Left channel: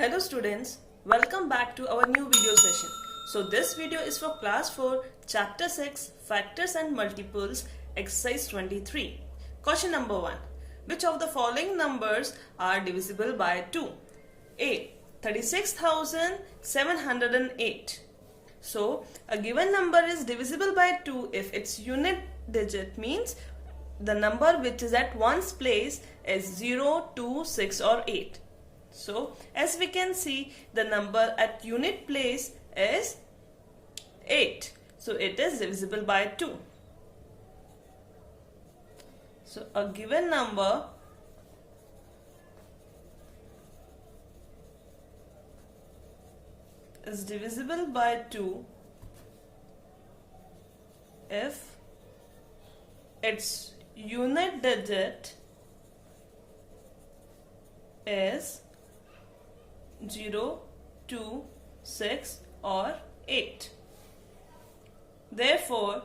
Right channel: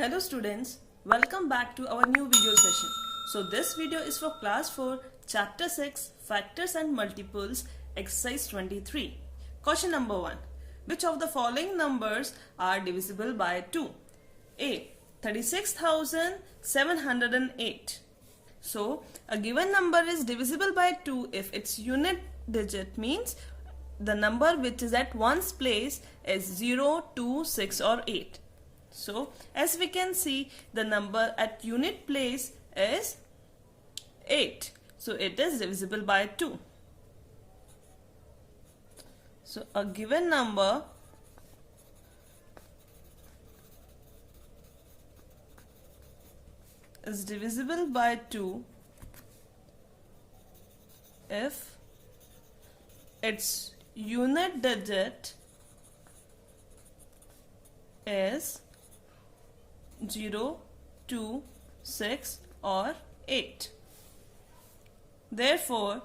Hello students, welcome back to our new video session. So this video is for class 4, chapter 6, factors and multiples, exercise 23. Question number 1. Which of the following numbers are divisible by 2? A. 36,708. So a given number is divisible by 2 if its unit digit means the number which is at ones place is 0, 2, 6 or 8. So as we can see, the number at unit place is 8. So it is divisible by 2. So a given number is divisible by 2 if its unit digit is 0, 2, 6 or 8. Therefore,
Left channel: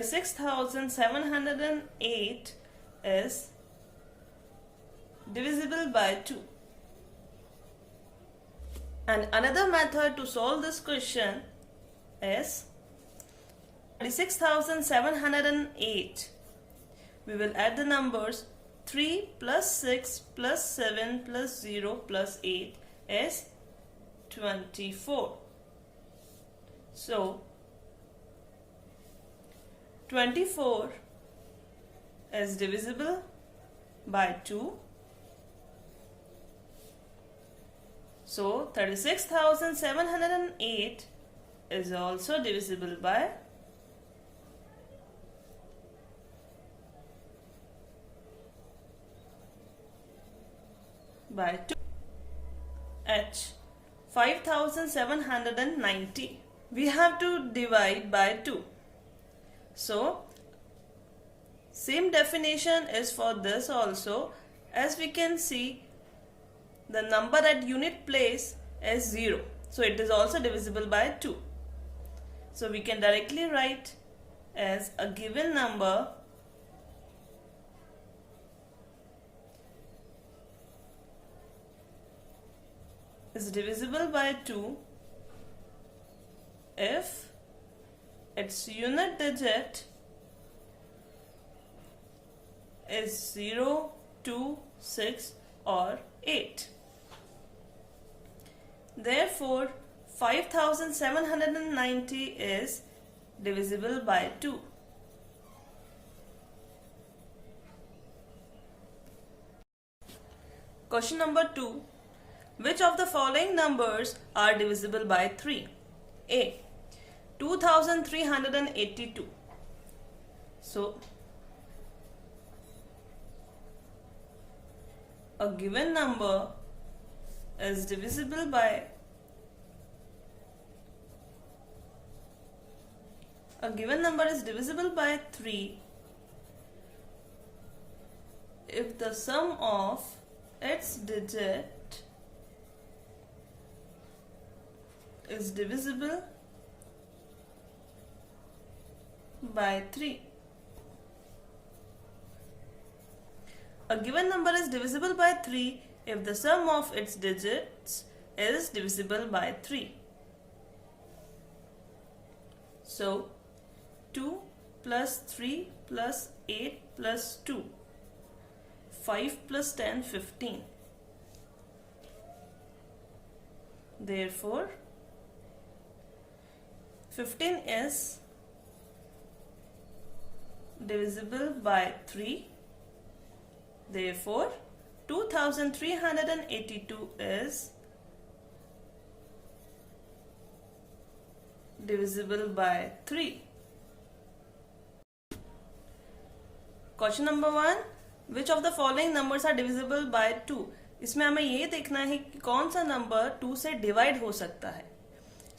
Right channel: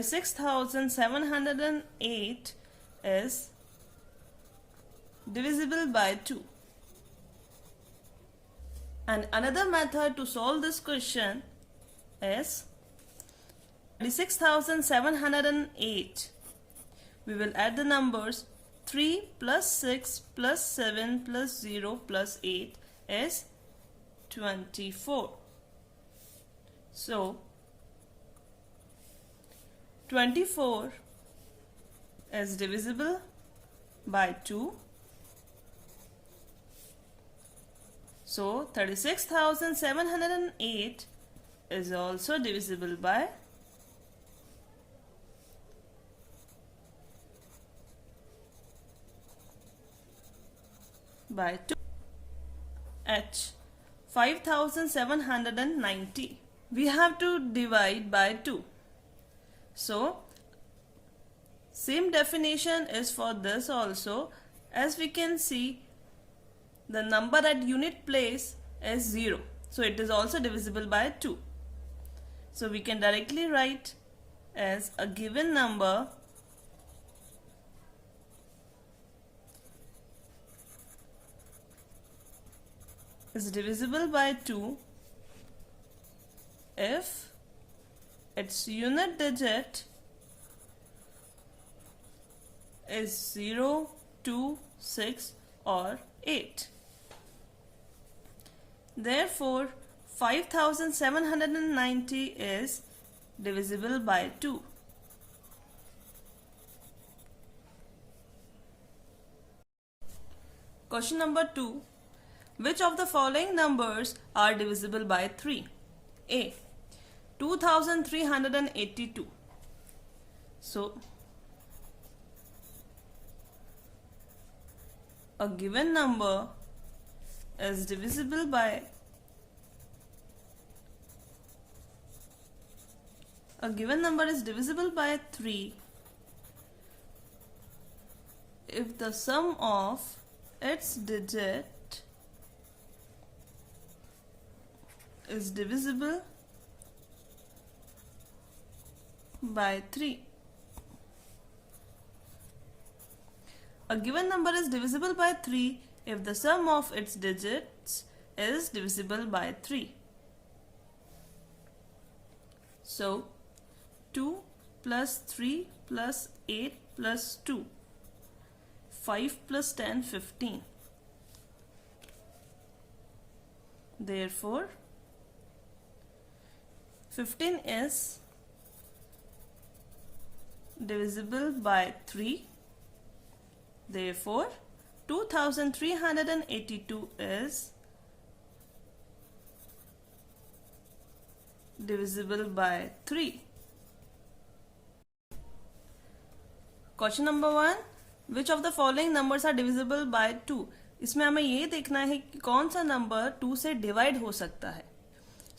6,708 is divisible by 2. And another method to solve this question is 36,708. We will add the numbers 3 plus 6 plus 7 plus 0 plus 8 is 24. So 24 is divisible by 2. So 36,708 is also divisible by 2. H. 5,790. We have to divide by 2. So same definition is for this also. As we can see, the number at unit place is 0. So it is also divisible by 2. So we can directly write as a given number is divisible by 2 if its unit digit is 0, 2, 6 or 8. Therefore, 5,790 is divisible by 2. Question number 2. Which of the following numbers are divisible by 3? A. 2,382. So, a given number is divisible by 3 if the sum of its digit is divisible by 3. A given number is divisible by 3 if the sum of its digits is divisible by 3. So 2 plus 3 plus 8 plus 2, 5 plus 10, 15. Therefore 15 is divisible by 3. Therefore 2,382 is divisible by 3. Question number 1. Which of the following numbers are divisible by 2? इसमें हमें ये देखना है कि कौन सा number 2 से divide हो सकता है.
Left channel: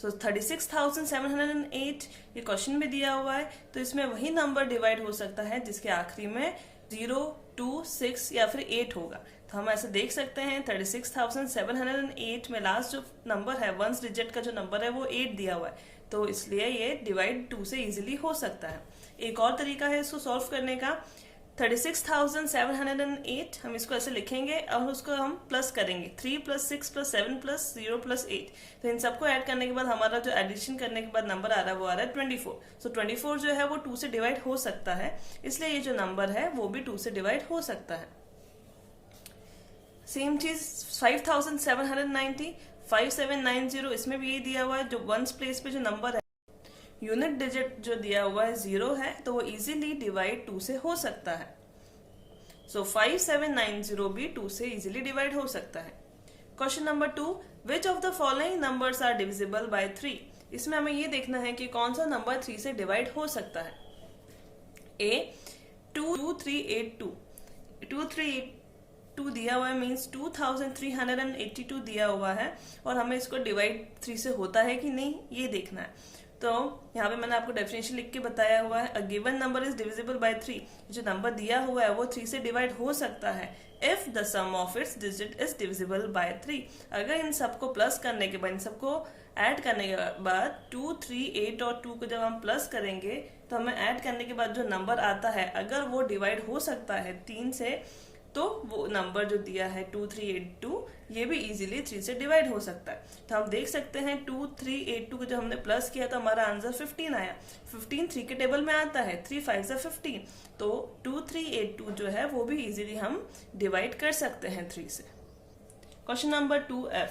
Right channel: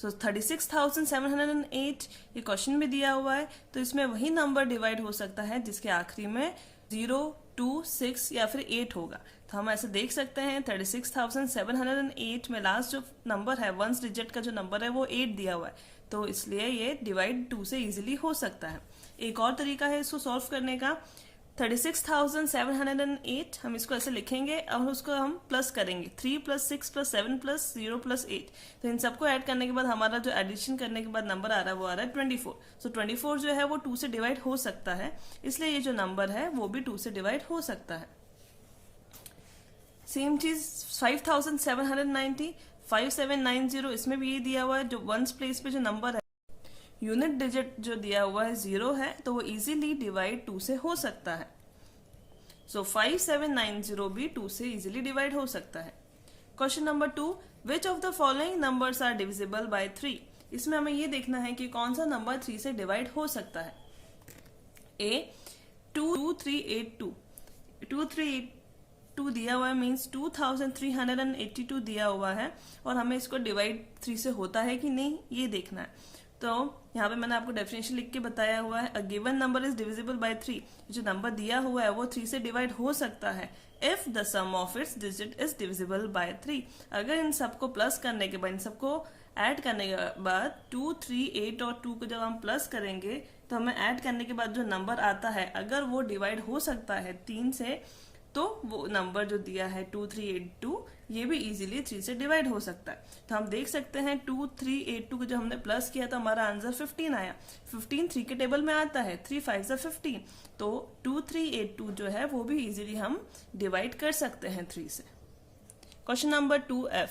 So 36,708 ये क्वेश्चन में दिया हुआ है, तो इसमें वही नंबर डिवाइड हो सकता है जिसके आखिरी में 0, 2, 6 या फिर 8 होगा. तो हम ऐसे देख सकते हैं 36,708 में लास्ट जो नंबर है, वंस डिजिट का जो नंबर है वो 8 दिया हुआ है, तो इसलिए ये डिवाइड 2 से इजीली हो सकता है. एक और तरीका है इसको सॉल्व करने का. 36,708 हम इसको ऐसे लिखेंगे और उसको हम प्लस करेंगे 3 + 6 + 7 + 0 + 8। तो इन सबको ऐड करने के बाद हमारा जो एडिशन करने के बाद नंबर आ रहा है वो आ रहा है 24। सो 24 जो है वो 2 से डिवाइड हो सकता है, इसलिए ये जो नंबर है वो भी 2 से डिवाइड हो सकता है। सेम चीज 5,790 5790 इसमें भी ये दिया हुआ है। जो वंस प्लेस पे जो नंबर है, यूनिट डिजिट जो दिया हुआ है 0 है, तो वो इजीली डिवाइड 2 से हो सकता है। सो 5790 भी 2 से इजीली डिवाइड हो सकता है। Question number 2, which of the following numbers are divisible by 3? इसमें हमें ये देखना है कि कौन सा नंबर 3 से डिवाइड हो सकता है। ए 2382 2382 दिया हुआ है, मीन्स 2382 दिया हुआ है और हमें इसको डिवाइड 3 से होता है कि नहीं ये देखना है। तो यहाँ पे मैंने आपको डेफिनेशन लिख के बताया हुआ है, अ given number is divisible by 3। जो नंबर दिया हुआ है वो 3 से डिवाइड हो सकता है if the sum of its digit is divisible by 3। अगर इन सबको प्लस करने के बाद, इन सबको ऐड करने के बाद 2, 3, 8 और 2 को जब हम प्लस करेंगे तो हमें ऐड करने के बाद जो नंबर आता है अगर वो डिवाइड हो सकता है 3 से, तो वो नंबर जो दिया है 2382 ये भी इजीली 3 से डिवाइड हो सकता है। तो हम देख सकते हैं 2382 को जब हमने प्लस किया तो हमारा आंसर 15 आया। 15 3 के टेबल में आता है, 3 5 15, तो 2382 जो है वो भी इजीली हम डिवाइड कर सकते हैं 3 से। Question number 2F,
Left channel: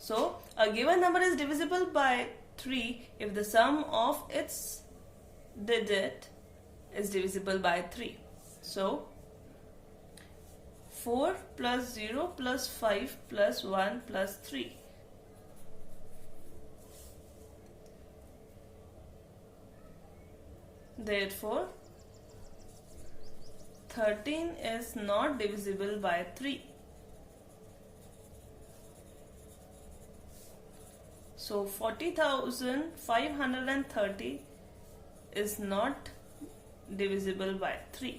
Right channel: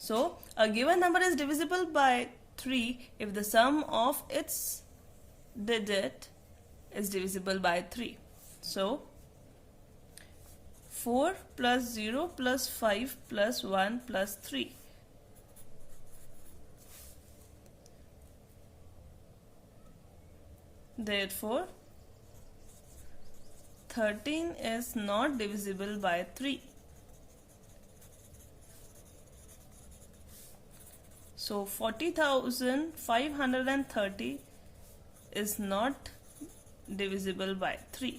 so a given number is divisible by 3 if the sum of its digit is divisible by 3। So 4 + 0 + 5 + 1 + 3। Therefore, 13 is not divisible by 3. So 40,530 is not divisible by 3.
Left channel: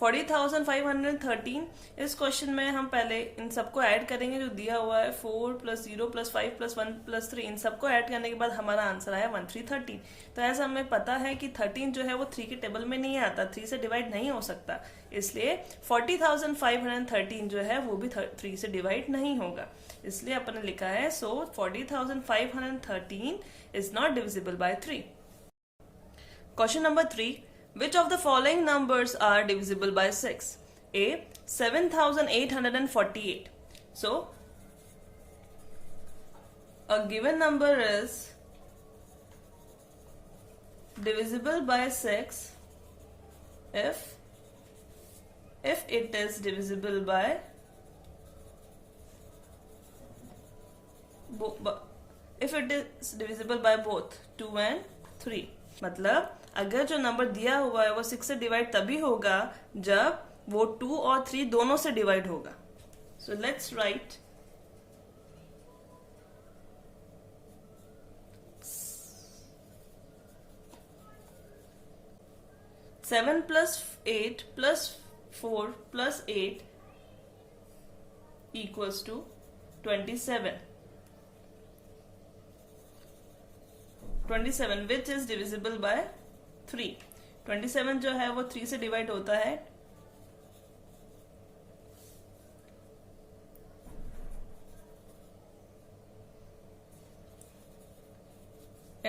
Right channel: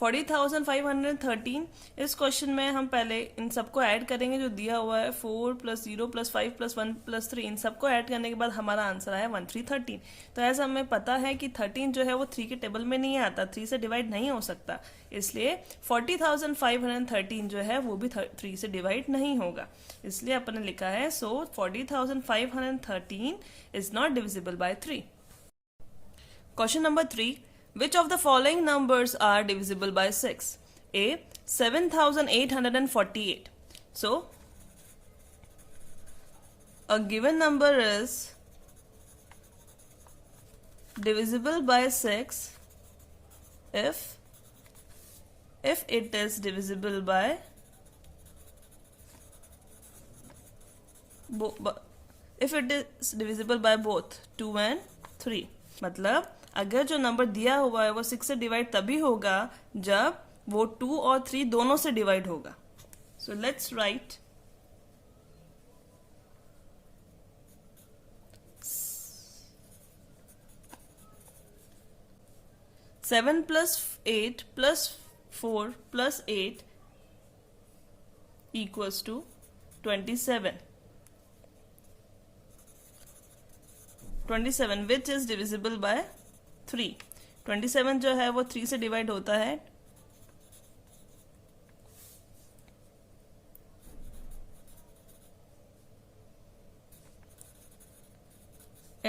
40,513 इस question में हम पहले इन सबको add करेंगे जो दिया हुआ है 4 + 0 + 5 + 1 + 3। इन सबको ऐड करने के बाद हमारा आंसर आया 1313। तो ऐसा हमें पता है कि 13 जो है वो 3 के टेबल में नहीं आता, 3 से डिवाइड नहीं हो सकता, इसलिए 40,513 जो है वो भी 3 से डिवाइड नहीं होगा, इसलिए अपन ने लिखा है सो 40,513 is not divisible by 3। Question number 3, which of the following numbers are divisible by 6? A 7,848. So a given number is divisible by 6 if it is divisible by both 2 and 3। मतलब अगर जो नंबर दिया हुआ है वो 6 से डिवाइड तभी होगा जब वो 2 और 3 दोनों से डिवाइड होगा। So let's write 7 + 8 + 4 + 8 equals to 27। 27 which is divisible by 3। 27 जो है वो 3 से डिवाइड होता है।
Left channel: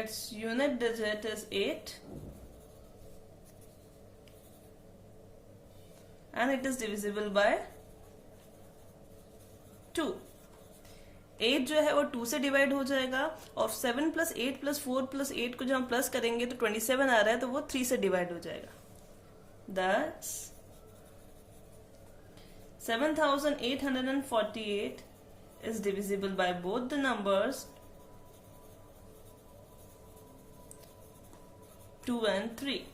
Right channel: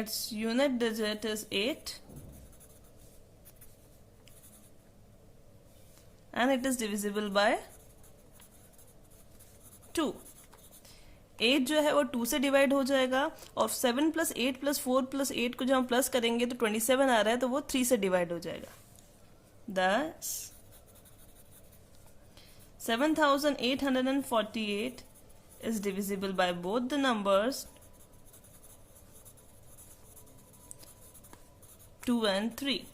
Its unit digit is 8 and it is divisible by 2। 8 जो है वो 2 से डिवाइड हो जाएगा और 7 + 8 + 4 + 8 को जब हम प्लस करेंगे तो 27 आ रहा है, तो वो 3 से डिवाइड हो जाएगा। That's 7,848 is divisible by both the numbers 2 and 3.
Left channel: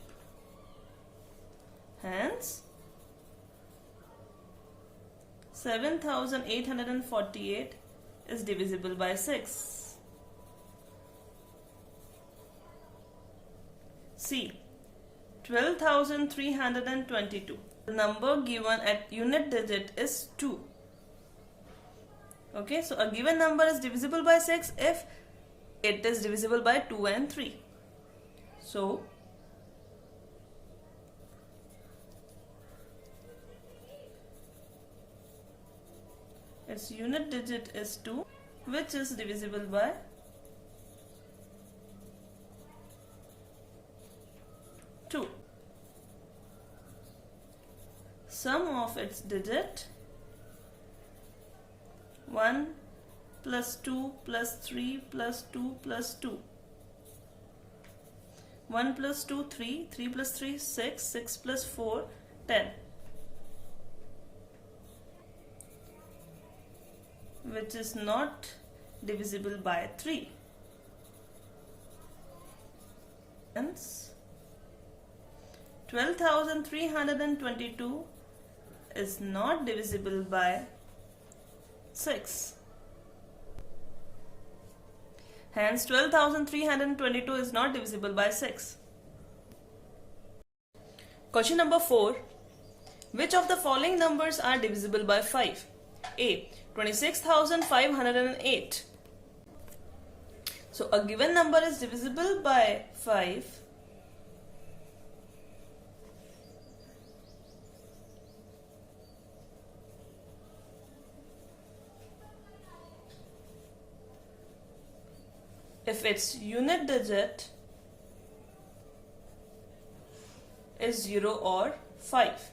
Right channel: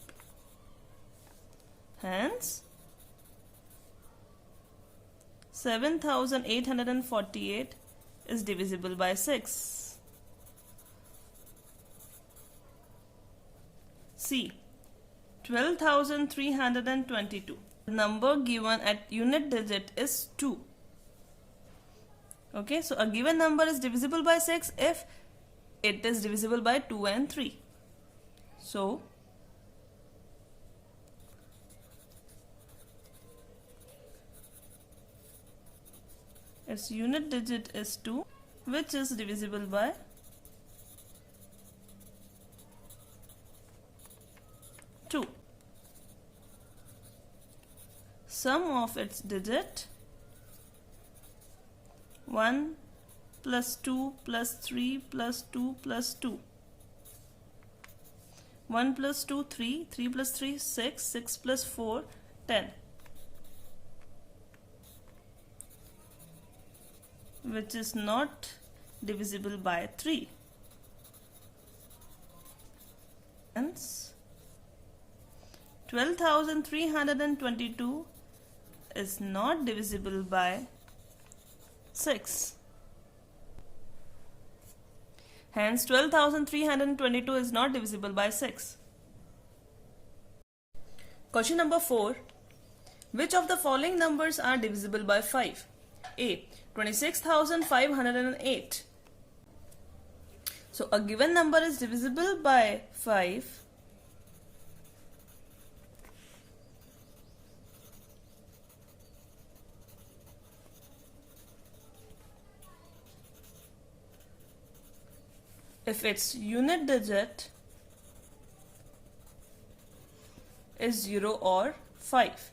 Hence 7,848 is divisible by 6. C 12,322. The number given at unit digit is 2. Okay, so a given number is divisible by 6 if it is divisible by 2 and 3. So its unit digit is 2, which is divisible by 2. Sum of its digit 1 plus 2 plus 3 plus 2 plus 2. 1 plus 2 3, 3 plus 3 6, 6 plus 4 10. Which is not divisible by 3. Hence, 12,322 is not divisible by 6. Hence, 12,322 is not divisible by 6. Question number 4. Which of the following numbers are divisible by 5? A. 26,508. So a given number is divisible by 5 if its unit digit is 0 or 5.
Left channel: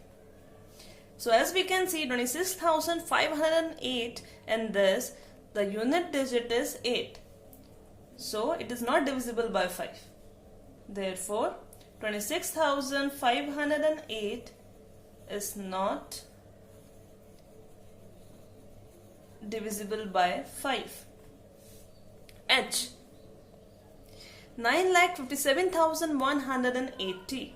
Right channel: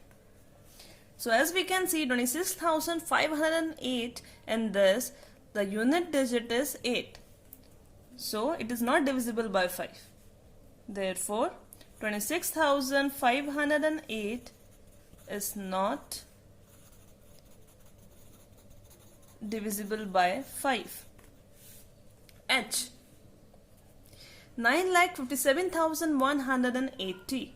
So as we can see, 26,508 and this, the unit digit is 8. So it is not divisible by 5. Therefore, 26,508 is not divisible by 5. H. 9,57,180.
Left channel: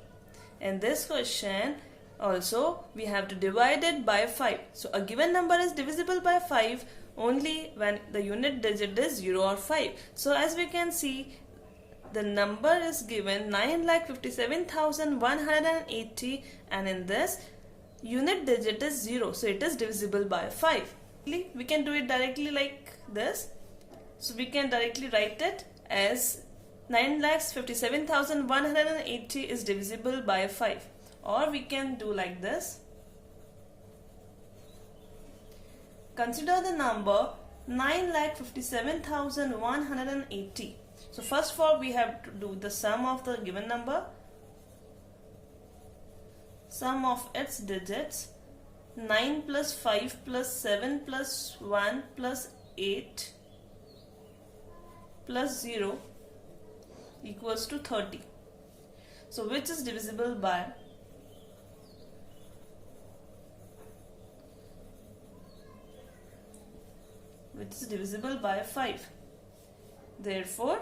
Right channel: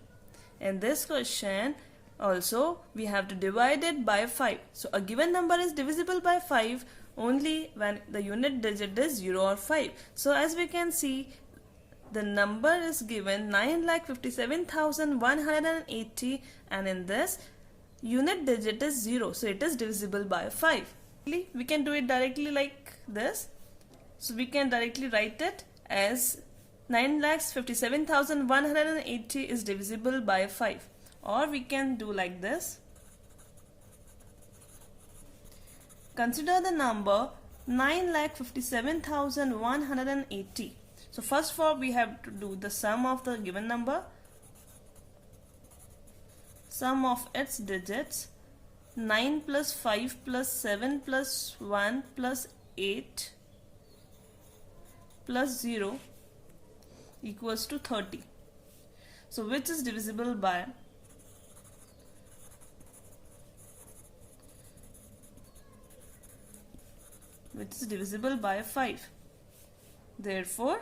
In this question, also, we have to divide it by 5. So, a given number is divisible by 5 only when the unit digit is 0 or 5. So, as we can see, the number is given 9,57,180 and in this, unit digit is 0. So, it is divisible by 5. We can do it directly like this. So, we can directly write it as 9,57,180 is divisible by 5. Or we can do like this. Consider the number 9,57,180. So first of all, we have to do the sum of the given number. Sum of its digits. 9 plus 5 plus 7 plus 1 plus 8 plus 0 equals to 30. So which is divisible by 5. Therefore,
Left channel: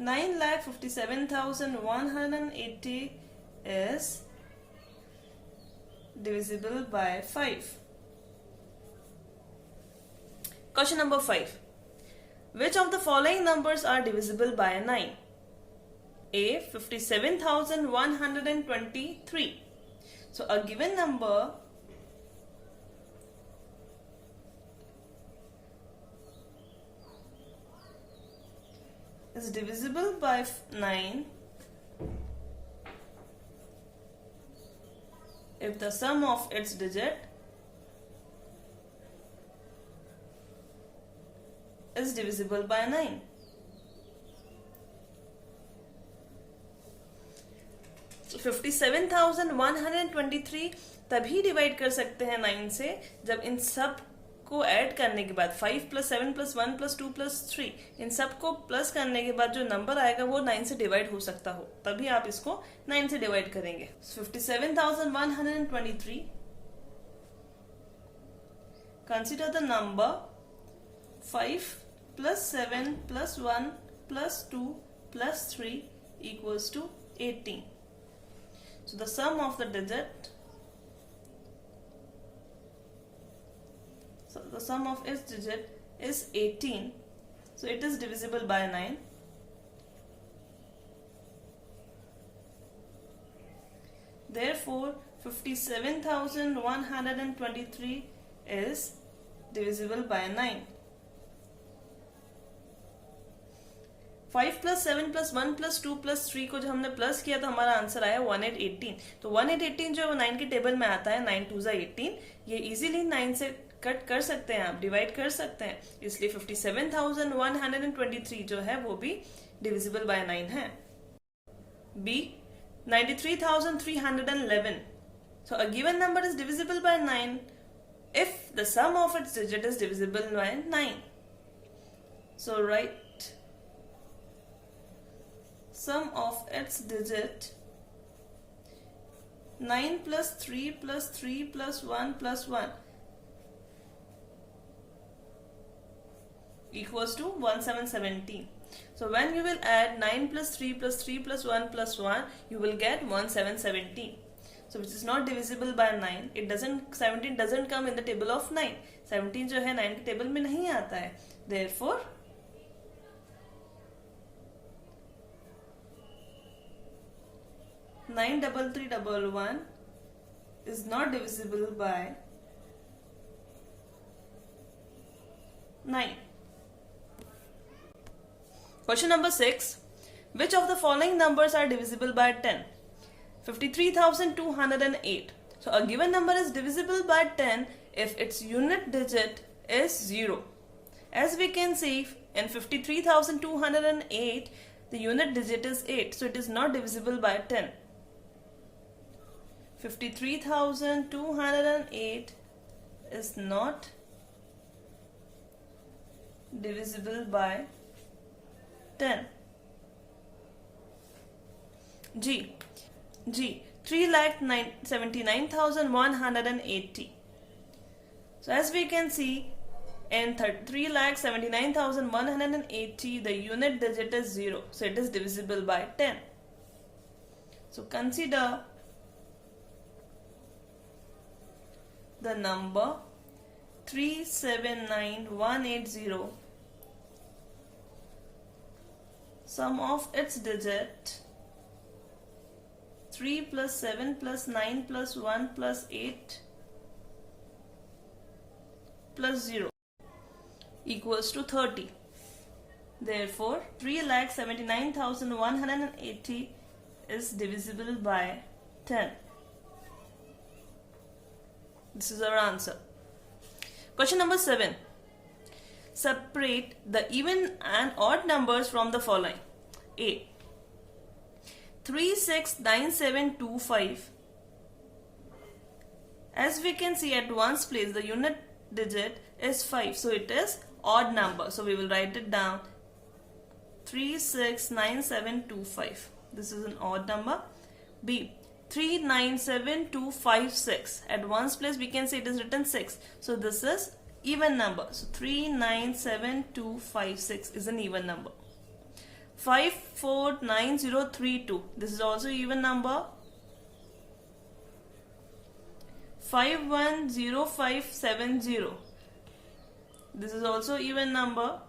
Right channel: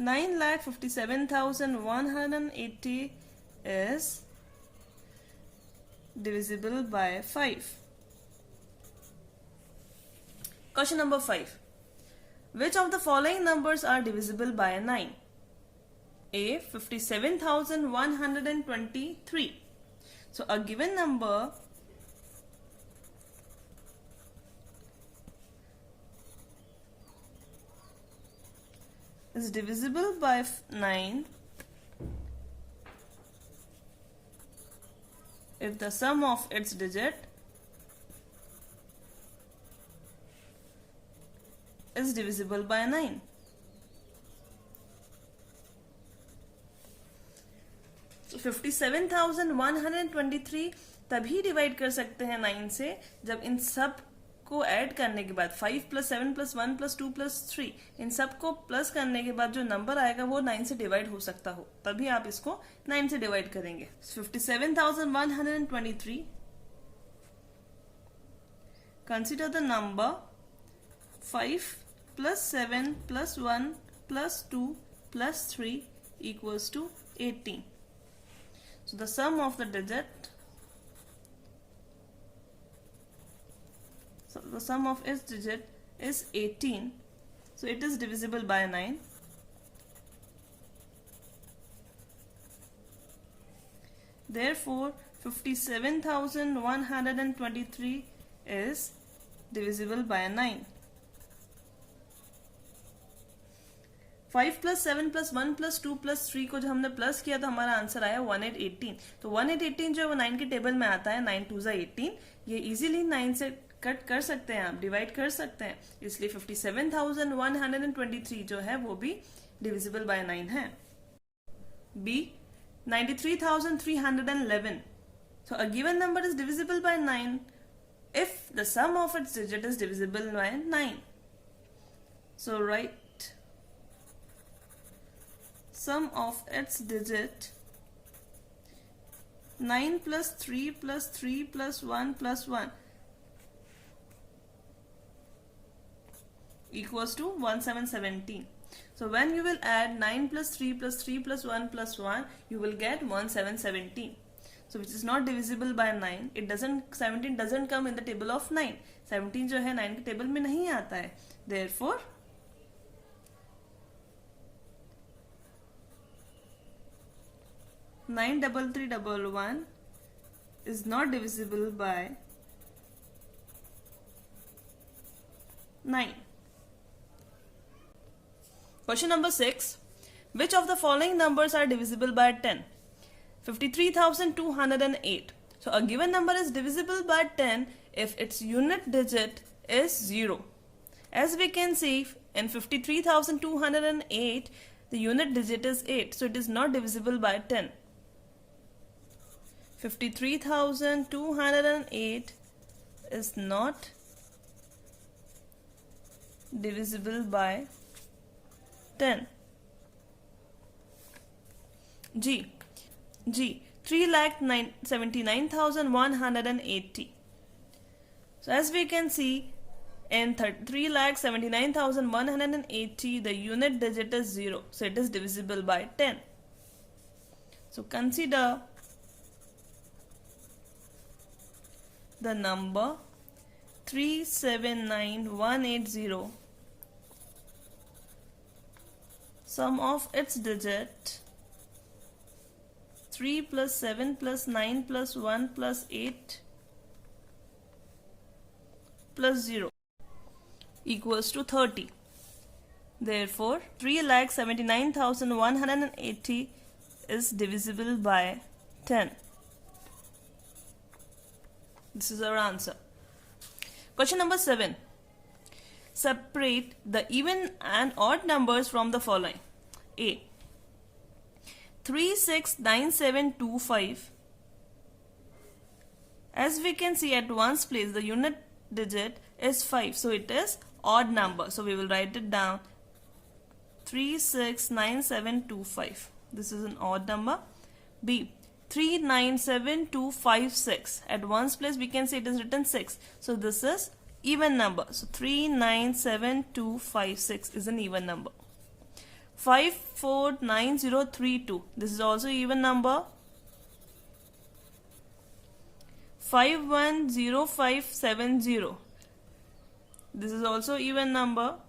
9,57,180 is divisible by 5. Question number 5. Which of the following numbers are divisible by 9? A. 57,123. So a given number is divisible by 9 if the sum of its digit is divisible by 9. So 57,123 तभी divide कर सकते हैं 9 से जब इन सब को add करने के बाद 5 प्लस 7 प्लस 1 प्लस 2 प्लस 3 इन सब को प्लस करने के बाद जो नंबर आएगा वो 9 से डिवाइड हो सकता हो, तभी आप इसको 9 से डिवाइड करेंगे. 57,123. Consider the number 5 plus 7 plus 1 plus 2 plus 3 equals to 18. So the sum of the digit, so the sum of its digit is 18. So it is divisible by 9. Therefore 57,123 is divisible by 9. 5 plus 7 plus 1 plus 2 plus 3 को जो हमने plus किया तो हमारा answer आया 1818। तो 1818 जो है वो 9 के टेबल में आता है, 9 2 18। ये इजीली 9 से कट कर सकते हैं, आप डिवाइड कर सकते हैं, इसलिए 57,123 जो है वो भी डिविजिबल बाय 9 है। B 93,311। So a given number is divisible by 9 if the sum of its digit is divisible by 9. So write sum of its digit 9 plus 3 plus 3 plus 1 plus 1 equals to 1717. So when you will add 9 plus 3 plus 3 plus 1 plus 1, you will get 1717. So which is not divisible by 9. 17 doesn't come in the table of 9. 17 जो है 9 के table में नहीं आता है. Therefore 93311 is not divisible by 9. Question number 6. Which of the following numbers are divisible by 10? 53,208. So a given number is divisible by 10 if its unit digit is 0. As we can see in 53,208, the unit digit is 8. So it is not divisible by 10. 53,208 is not divisible by 10. G. 3,79,180. So as we can see in 3,79,180 the unit digit is 0. So it is divisible by 10. So consider the number 379,180. Sum of its digit 3 plus 7 plus 9 plus 1 plus 8 plus 0 equals to 30. Therefore, 3,79,180 is divisible by 10. This is our answer. Question number 7. Separate the even and odd numbers from the following. A. 369725. As we can see at ones place, the unit digit is 5. So it is odd number. So we will write it down. 369725. This is an odd number. B. 397256. At ones place we can see it is written 6. So this is even number. So 397256 is an even number. 549032. This is also even number. 510570. This is also even number.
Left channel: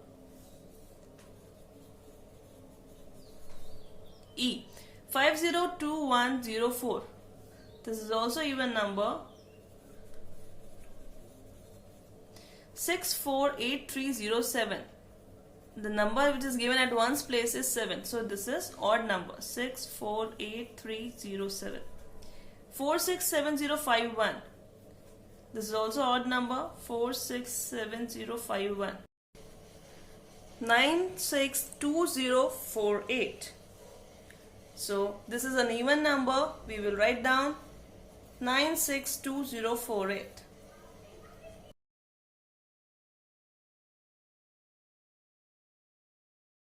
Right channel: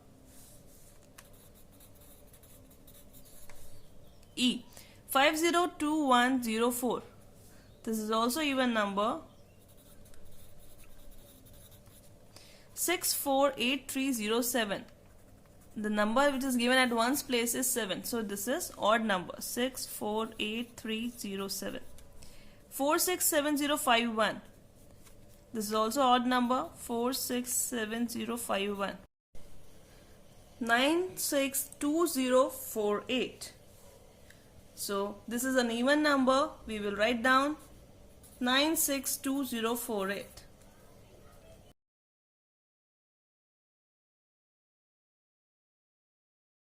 E. 502104. This is also even number. 648307. The number which is given at ones place is 7. So this is odd number. 648307. 467051. This is also odd number. 467051. 962048. So this is an even number. We will write down 962048.